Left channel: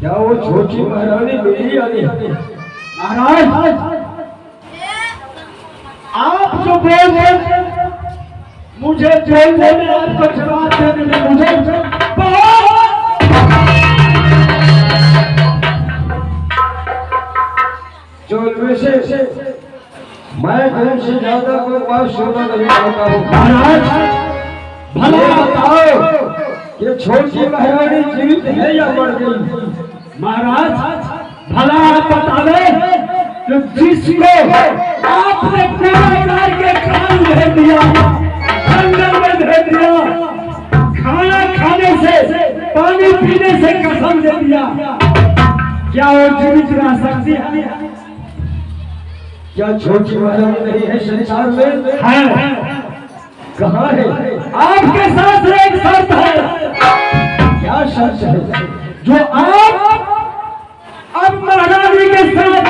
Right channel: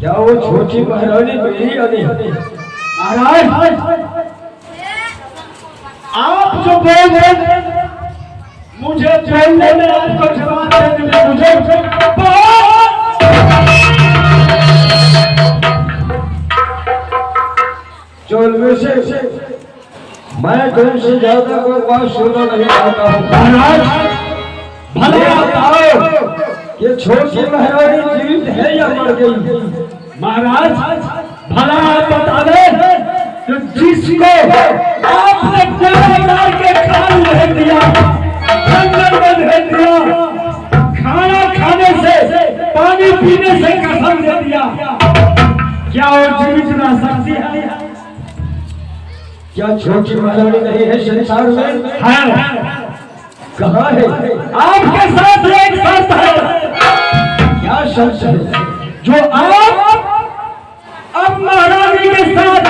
क्या वो छोटी महारानी मेरी आनी? महाराज आप जो बोल रहे मुझे बोलने में आपको जवाब देने में मुझे जो इनमें से मैं तुमसे ज्यादा कोई बात सुनना नहीं चाहता हूँ। महाराज भला बताओ ये छोटी महारानी जीवित है या मर गई? महाराज भला आप बता दे कि जिसको आपने कोड़ा के खान भेज दिया, जंगल में भेज दिया, खाना खाने से पानी पीने से कसम दे दिया, क्या वो जीवित रह सकती है? क्या छोटी महारानी नहीं है संसार में? है। कहाँ है? आपके साथ एक शर्त है। क्या शर्त है? जो आप अब महारानी के साथ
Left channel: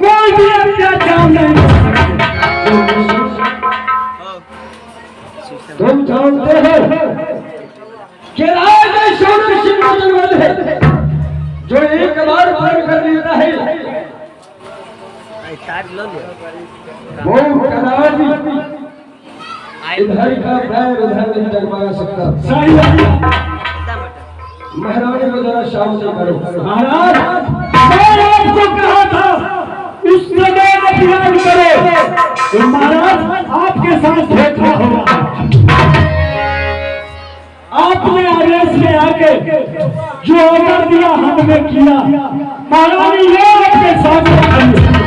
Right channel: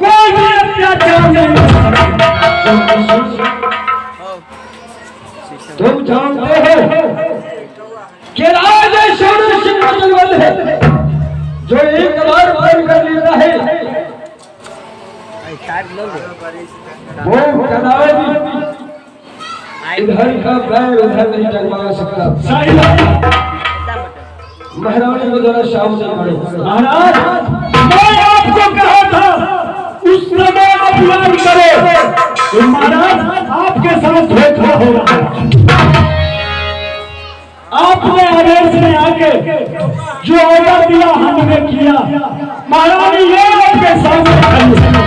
कोई भी अत्याचार नहीं कर सकते। तुम जानते हो कि राजा शोर सिंह है जो एक बार पार कर लेता है वो कदापि इधर का पैर उधर नहीं टकरा सकता। सही बात। महारानी को जरा शाम से करो। महाराज मैं आपको कहा था उस समय अपमान करो तो महाराज आपके साथ धोखा होगा। आपने आदेश में आके जो ऑर्डर दिया हमने किया। महारानी ये आपके सामने खड़ी है।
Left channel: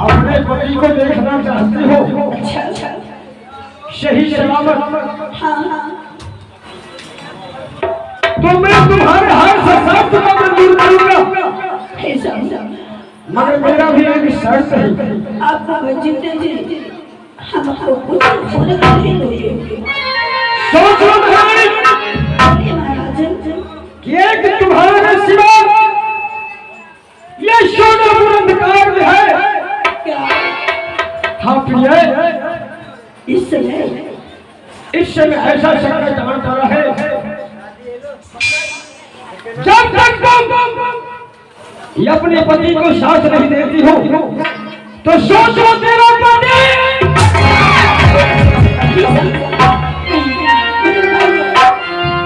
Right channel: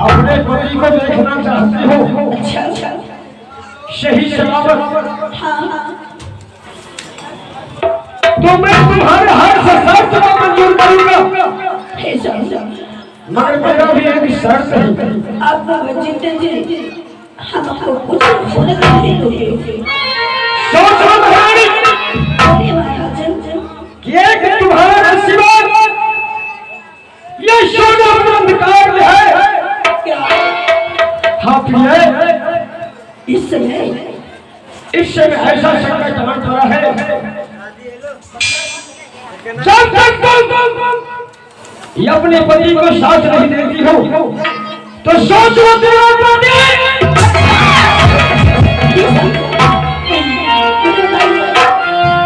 अपने पति को देखना चाहती हो? अच्छा अच्छा। सही सलामत, हाँ हाँ। तो मैं तुम्हारे हर शर्त को मंजूर करूंगा, हे साहब, मगर मेरा भी एक शर्त है। आप बाबा जीते जी हमको कुछ होने नहीं दोगे। सोचो महारानी बोलिए महाराज। कि एक तुम्हारे सिवा ये सोना अंधकार में है। क्या हाँ प्रिय, इस समय ऐसा संकट आने पड़ा है, जब तक तुम ये अपने पति को साथ नहीं देती हो तो सोचो तेरा पति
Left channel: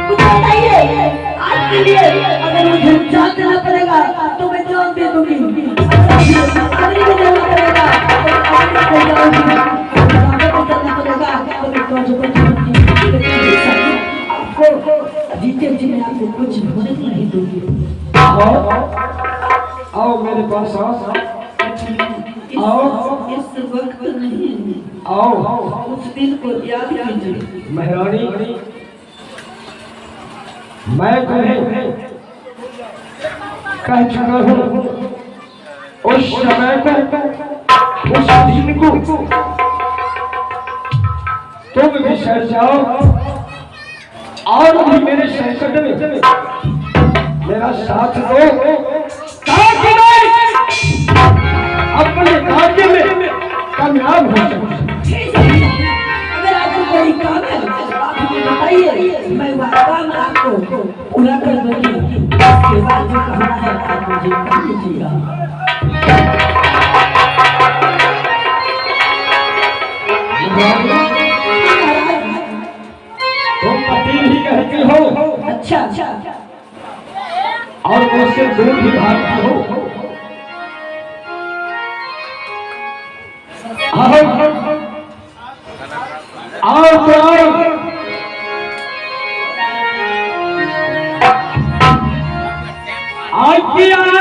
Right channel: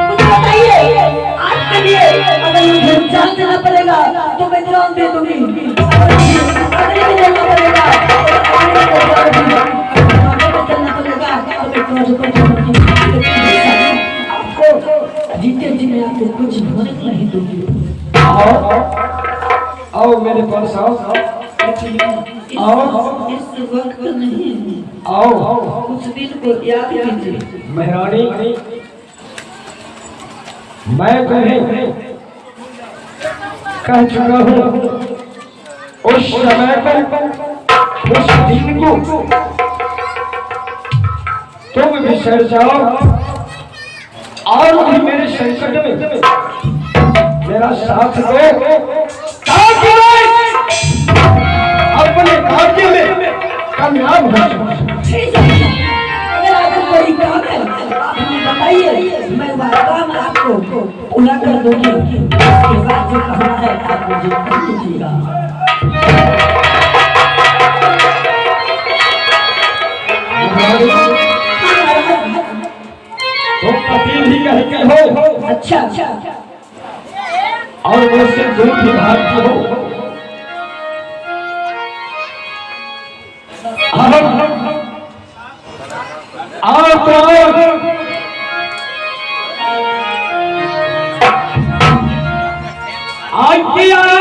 कुछ बताइए। आपके लिए अगर मुझे जान देना पड़ेगा तो मैं जान दे दूंगी। अगर नहीं देना पड़ेगा आपको जीते जी मैं आपको कुछ होने नहीं दूंगी। आओ मेरे पास आओ, इस वक्त नहीं, आओ। कुछ दिन को याद कीजिए। महारानी, मैं तुम्हें कह चुका हूँ, उस समय को, उस दिन को तुम बिसर जाओ और भी मेरे संकट में मेरा साथ दो, ताकि मैं अपने कार्य में कामयाब हो सकूं। अगर आपको कोई काम है आप मुझे बताइए, मैं वह काम आपको पूरा कर दूंगी। उसके बाद जो कहना है आप मुझे कर दीजिएगा। तुम पति भी कहती हो अच्छा अच्छा। और मुझसे दूर भी भागती हो। आओ तो आओ, आज किया है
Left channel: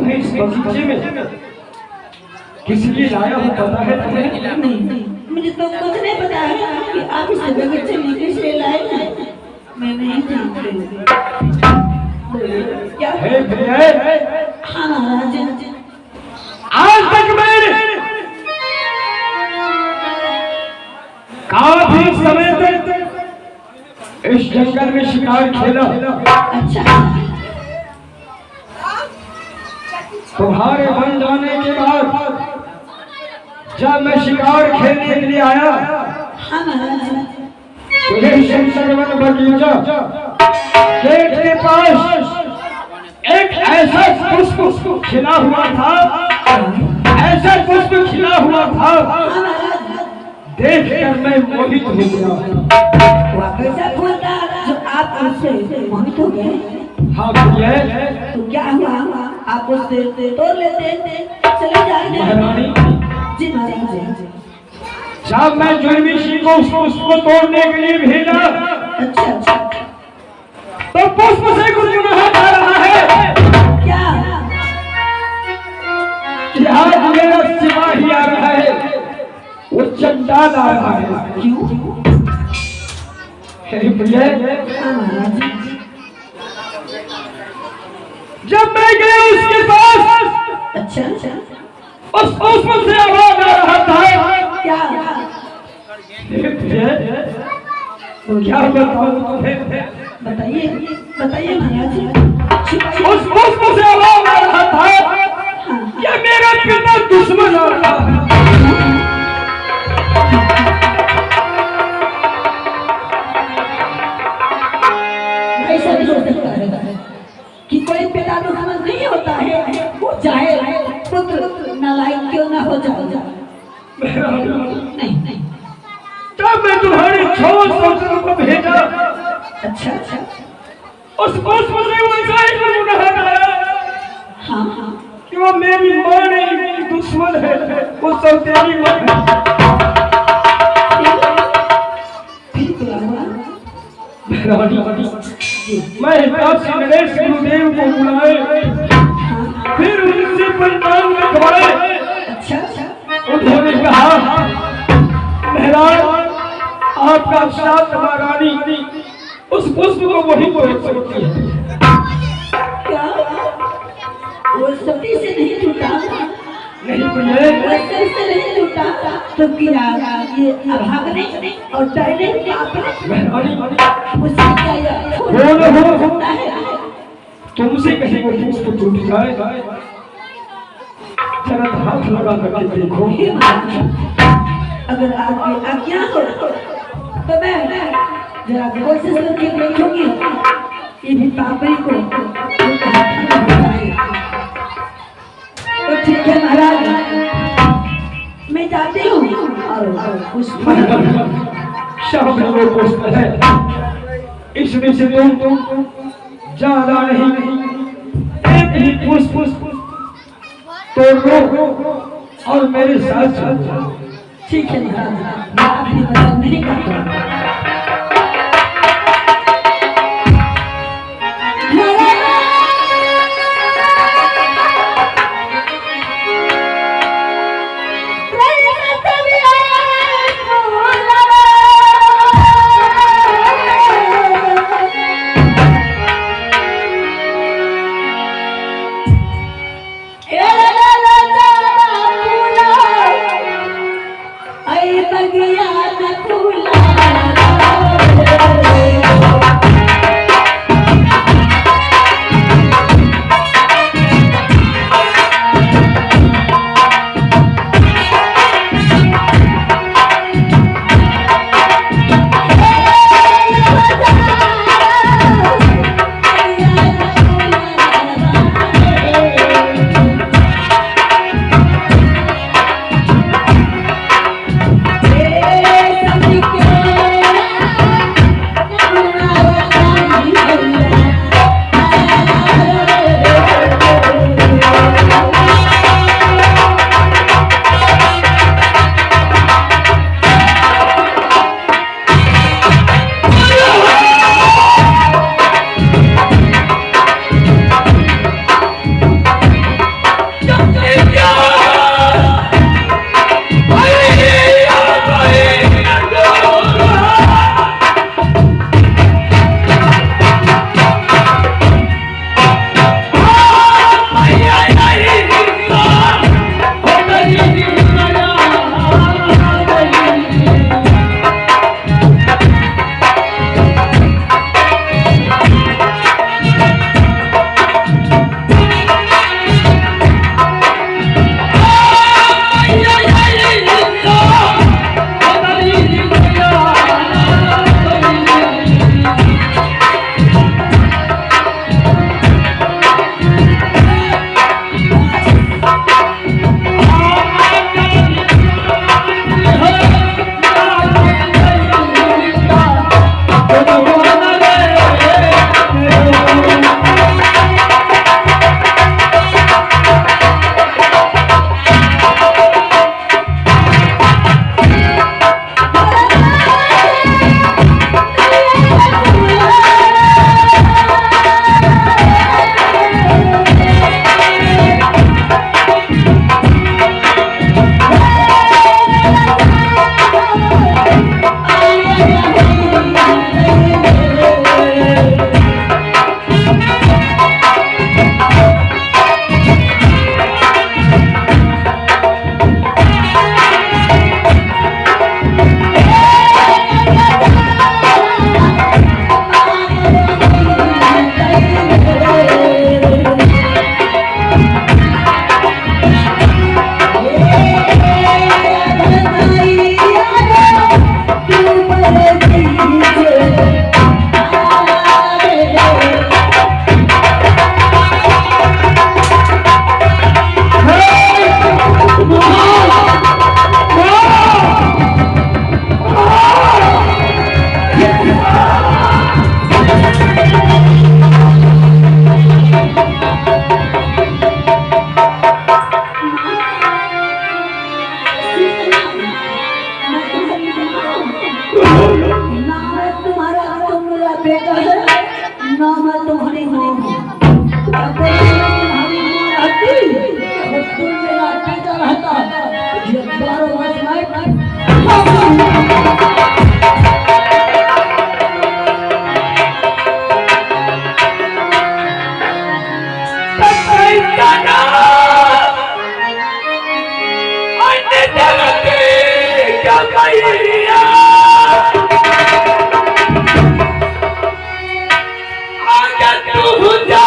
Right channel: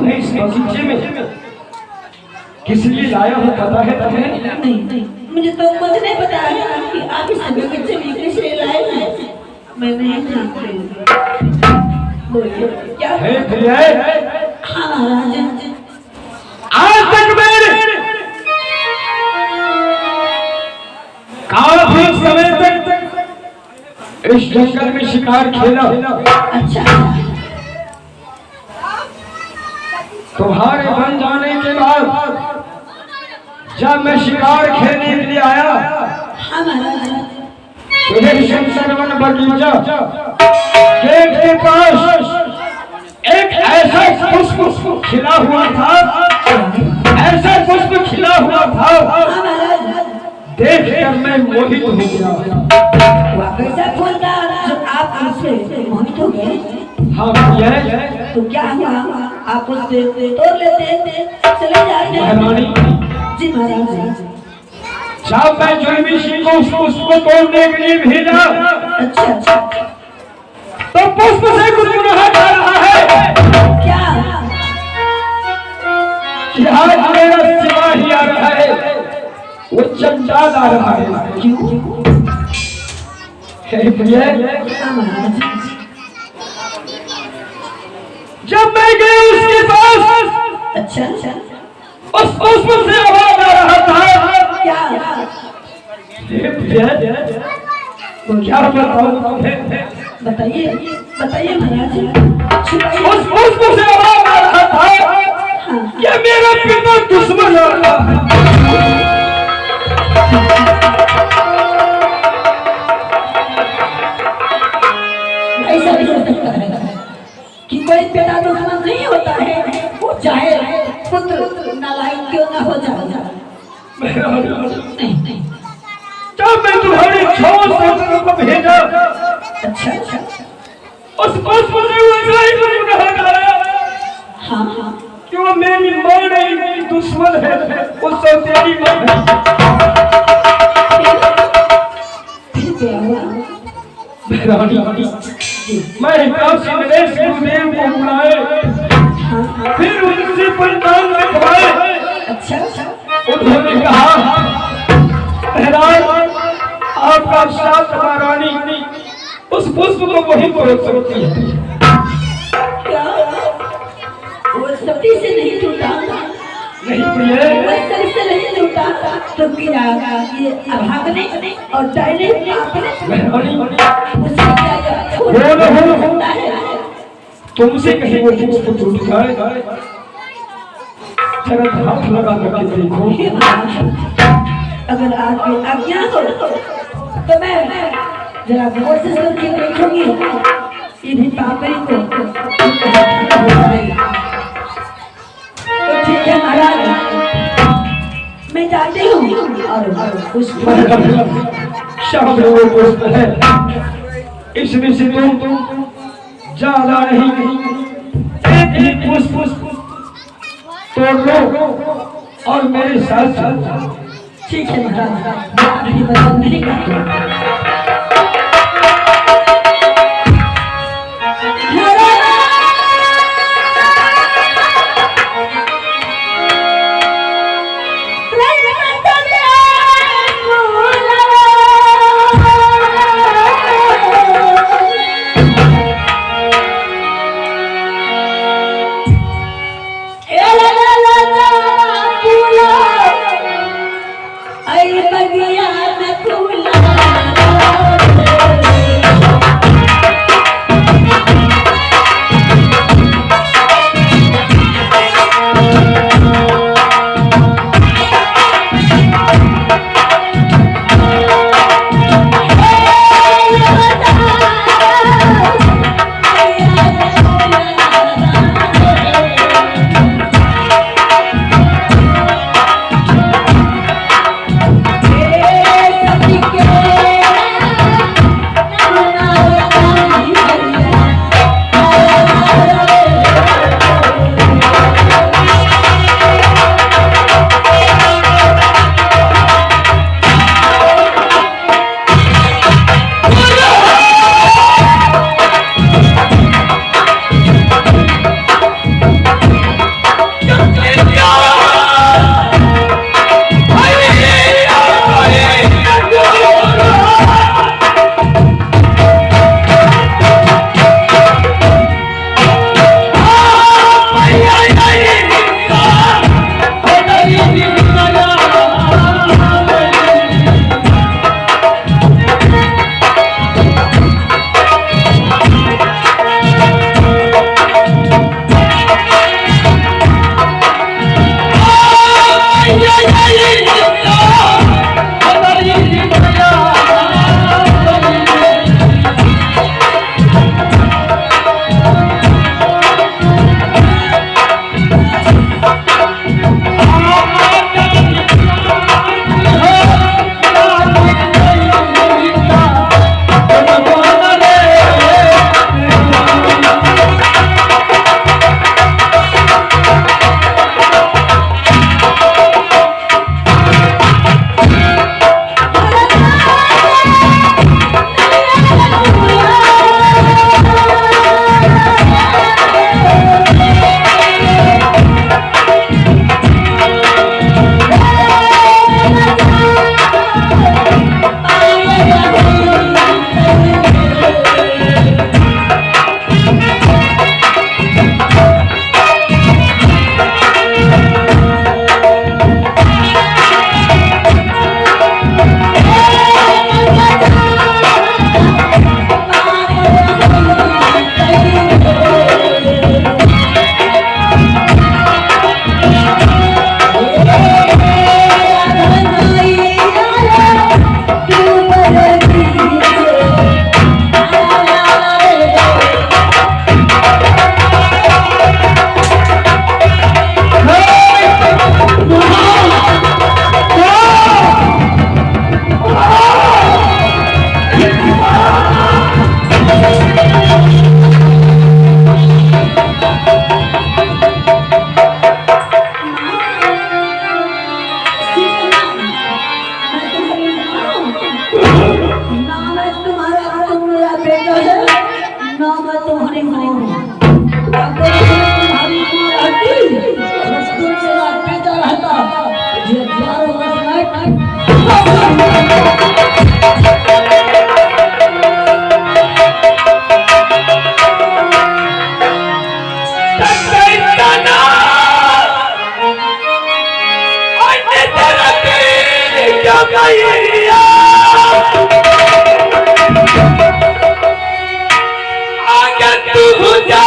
तुम्हें इस बगीचे में किस लिए लाया हूँ पता है तुम्हें? नहीं, मुझे तो कुछ नहीं पता है कि आप इस बगीचे में किस लिए लाए हैं। मैं नहीं जानती हूँ। बोलिए क्या हे प्रिय, हाँ महाराज। आज तक मैंने काफी समय तक इस जंगल में शिकार खेला। अच्छा, तुम्हारे बन जाने के बाद जब मैं शिकार खेलने के लिए आया हाँ महाराज। तो ये शमशरवन बगीचा गेट के पास एक ऐसा पुष्प खिला हुआ था, ऐसा पुष्प खिला हुआ था, हाँ महाराज। देख कर मैं मोहित हो गया। वह कैसा फूल था जो आप उससे मोहित हो गए? हाँ भैया, तो क्या हुआ? आप उससे तोड़ लेते, चले जाते। महारानी, जी महाराज। जब मैं जुर्मी सिंह को उस पुष्प को तोड़ने के लिए भेजा अच्छा, तो पुष्प से कुछ कहा जा रहा है क्या? कि आज मेरा सिपाही आ रहा है, वो चंडाल आ रहा है। क्यों? हे प्रिय, हाँ महाराज। जब मैं गया उसके पास, अच्छा, उस पुष्प से आवाज आ रहा था। क्या? हे प्रिय, क्या बताऊं तुम्हें? बताइए महाराज। उस पुष्प से आवाज आ रहा था कि मेरा पिता दुश्मन आ रहा है। ऐसा भी हो सकता है कि कोई पिता दुश्मन नहीं होता है, वो चाहे पुत्र नालायक क्यों ना हो जाए। नहीं। जब मैं तुम्हारे 6 पुत्रों को भेजा, अच्छा, उस पुष्प से वो इतना ही कहा हाँ। कि वो मेरी मां नहीं, मेरी दुश्मन है, वो सौतेली मां है। फिर क्या हुआ? मैं हिसाब से नरेश गुरुदेव को बुलाए, फिर उनसे पंचांग लिखवाए। अच्छा, उन्होंने कहा, महाराज आपका साथ महारानी उस पुष्प को वही तोड़ सकती है। क्या? वो सती से नहीं टूटा? नहीं प्रिय, वो सर से नहीं टूटा? तो क्या ये अभागने और डरने आपने महारानी मुझसे क्या हो होता है? तुमसे कहीं वो पुष्प टूट जाए, जरा हाथ लगा करके देखो। हे महाराज, अगर आपकी आज्ञा हो तो मैं जरा कोशिश करके देखूंगी इन्हीं पापड़ी को। तो ठीक है महाराज, मैं जाती हूँ और पुष्प शाम में वो पुष्प है, इसमें से तुम ज्यादा नहीं, एक ही पुष्प तोड़ लो और मेरे साथ साथ। ठीक है महाराज, मैं आपकी मदद नहीं करता। बगिया में फूला मैया आगे तू जा